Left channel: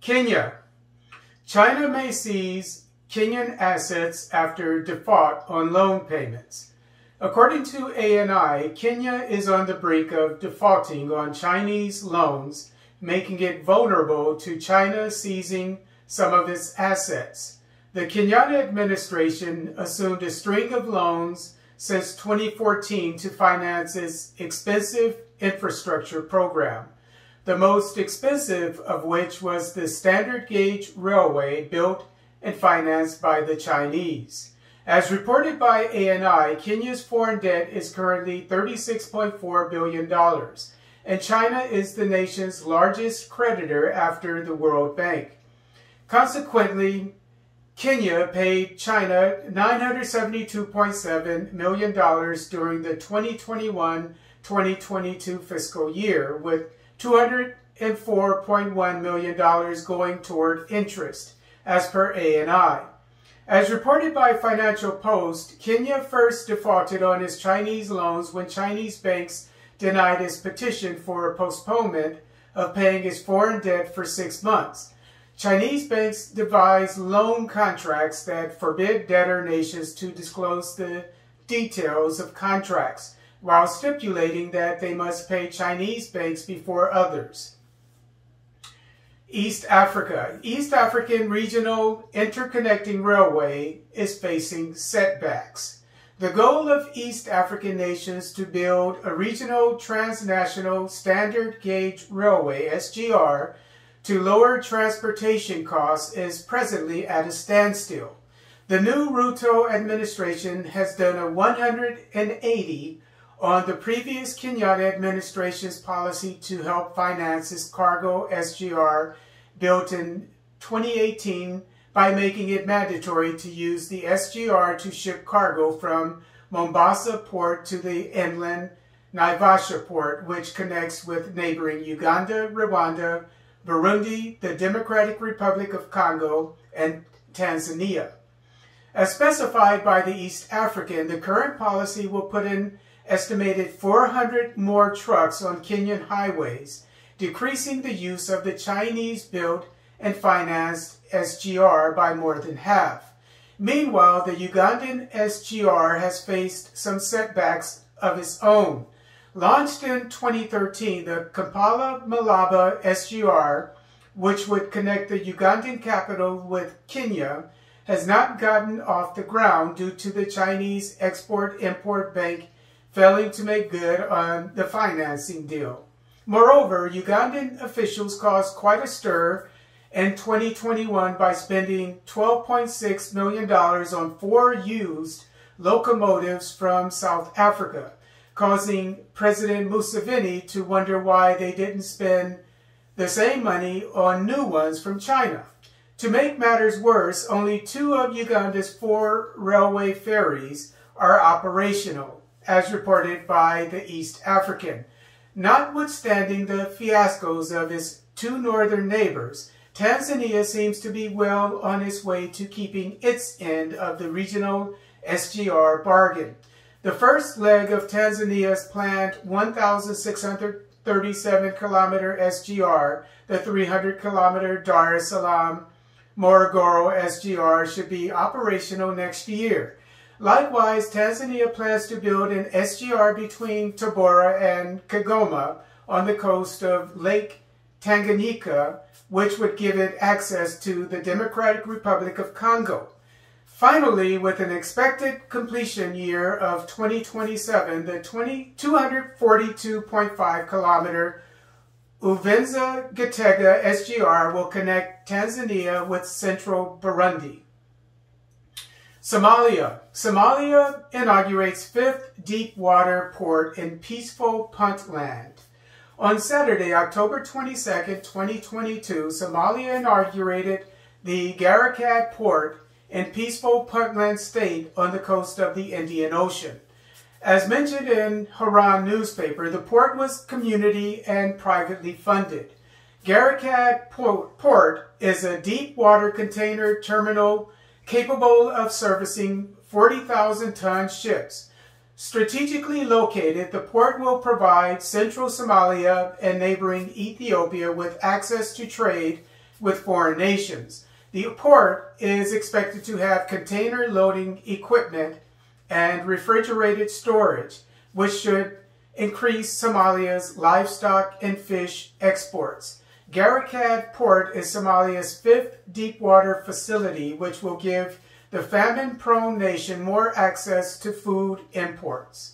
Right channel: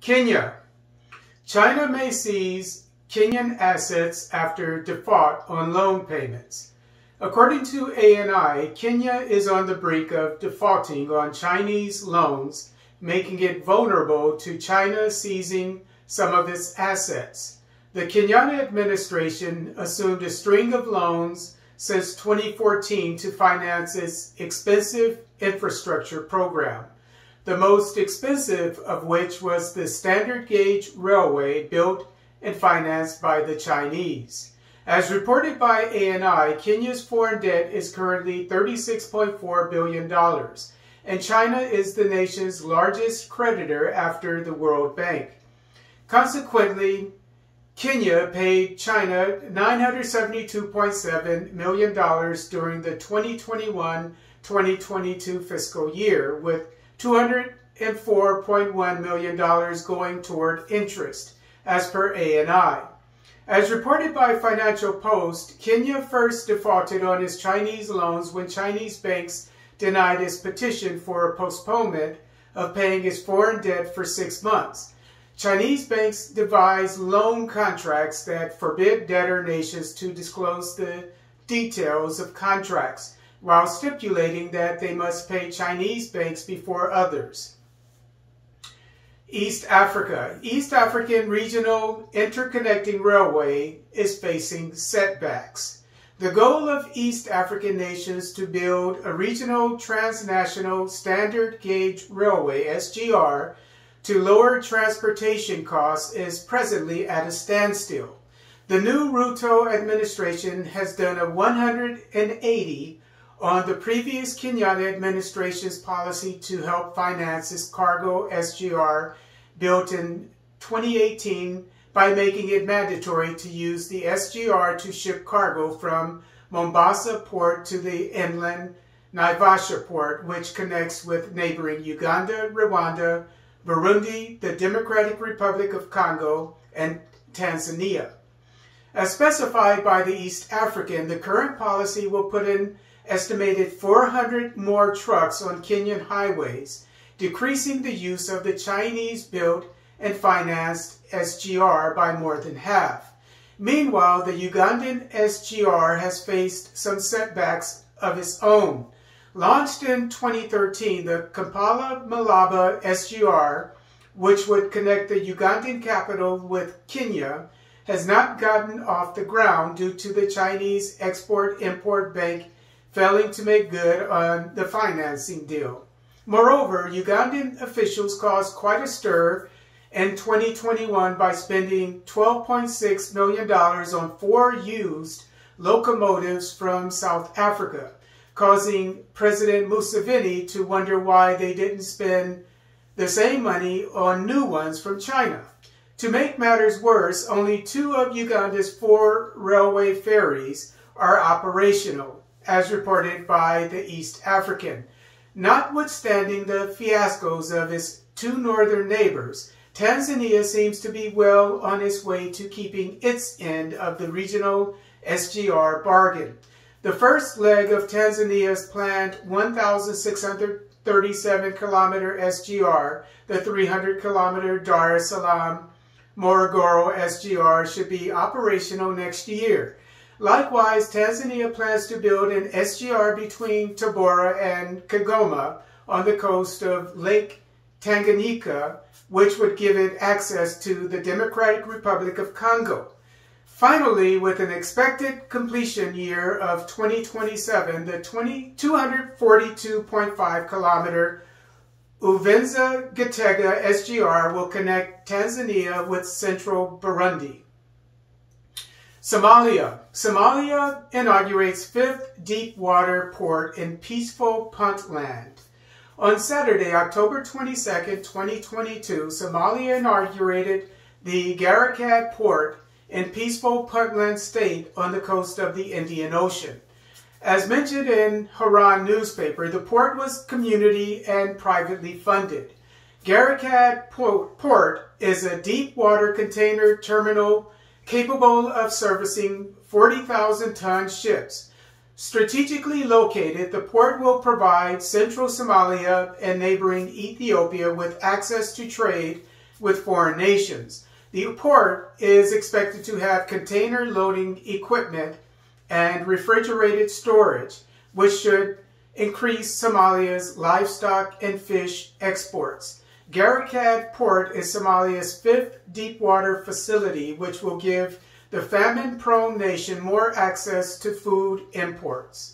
Kenya. China may seize Kenyan assets after default on loan payments. According to ANI, Kenya is on the brink of defaulting on Chinese loans, making it vulnerable to China seizing some of its assets. The Kenyatta administration assumed a string of loans since 2014 to finance its expensive infrastructure program, the most expensive of which was the standard gauge railway built and financed by the Chinese. As reported by ANI, Kenya's foreign debt is currently $36.4 billion, and China is the nation's largest creditor after the World Bank. Consequently, Kenya paid China $972.7 million during the 2021-2022 fiscal year, with $204.1 million going toward interest, as per ANI. As reported by Financial Post, Kenya first defaulted on its Chinese loans when Chinese banks denied its petition for a postponement of paying its foreign debt for 6 months. Chinese banks devise loan contracts that forbid debtor nations to disclose the details of contracts, while stipulating that they must pay Chinese banks before others. East Africa. East African Regional Interconnecting Railway is facing setbacks. The goal of East African nations to build a regional transnational standard gauge railway, SGR, to lower transportation costs is presently at a standstill. The new Ruto administration has done a 180 on the previous Kenyatta administration's policy to help finance its cargo SGR built in 2018 by making it mandatory to use the SGR to ship cargo from Mombasa port to the inland Naivasha port, which connects with neighboring Uganda, Rwanda, Burundi, the Democratic Republic of Congo, and Tanzania. As specified by the East African, the current policy will put an estimated 400 more trucks on Kenyan highways, decreasing the use of the Chinese-built and financed SGR by more than half. Meanwhile, the Ugandan SGR has faced some setbacks of its own. Launched in 2013, the Kampala-Malaba SGR, which would connect the Ugandan capital with Kenya, has not gotten off the ground due to the Chinese Export-Import Bank failing to make good on the financing deal. Moreover, Ugandan officials caused quite a stir in 2021 by spending $12.6 million on 4 used locomotives from South Africa, causing President Museveni to wonder why they didn't spend the same money on new ones from China. To make matters worse, only 2 of Uganda's 4 railway ferries are operational, as reported by the East African. Notwithstanding the fiascos of its 2 northern neighbors, Tanzania seems to be well on its way to keeping its end of the regional SGR bargain. The first leg of Tanzania's planned 1,637-kilometer SGR, the 300-kilometer Dar es Salaam Morogoro SGR, should be operational next year. Likewise, Tanzania plans to build an SGR between Tabora and Kigoma on the coast of Lake Tanganyika, which would give it access to the Democratic Republic of Congo. Finally, with an expected completion year of 2027, the 242.5-kilometer Uvinza-Gitega SGR will connect Tanzania with central Burundi. Somalia. Somalia inaugurates 5th deep water port in peaceful Puntland. On Saturday, October 22, 2022, Somalia inaugurated the Garakat port in peaceful Puntland state on the coast of the Indian Ocean. As mentioned in Haran newspaper, the port was community and privately funded. Garakat Port is a deep water container terminal capable of servicing 40,000-ton ships. Strategically located, the port will provide central Somalia and neighboring Ethiopia with access to trade with foreign nations. The port is expected to have container loading equipment and refrigerated storage, which should increase Somalia's livestock and fish exports. Garikad Port is Somalia's 5th deepwater facility, which will give the famine-prone nation more access to food imports.